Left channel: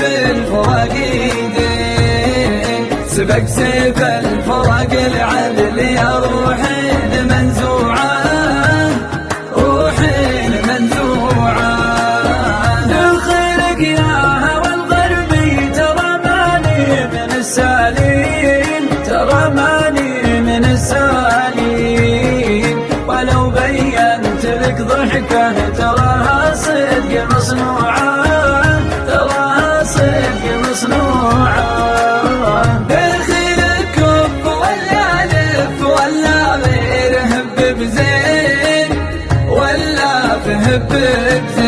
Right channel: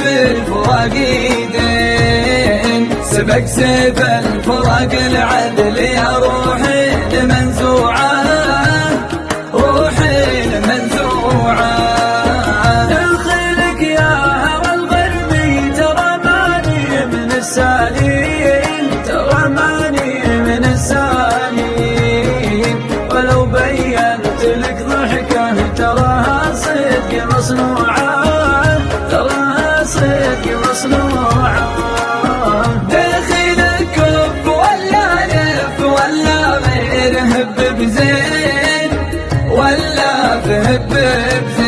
بالفرق دين، سبق سيف الفرق العدل يا روحي منزوعة، روحي منزوعة. دخلك يا هوى الغربي ترى ماني من السالين، ترى ماني من السالين، ولو بينت لك ضحكة تراها صدق مصنوعة، تراها صدق مصنوعة. دخلك كف ولا لف ولا غير هب بزين، ولا فهب بزين.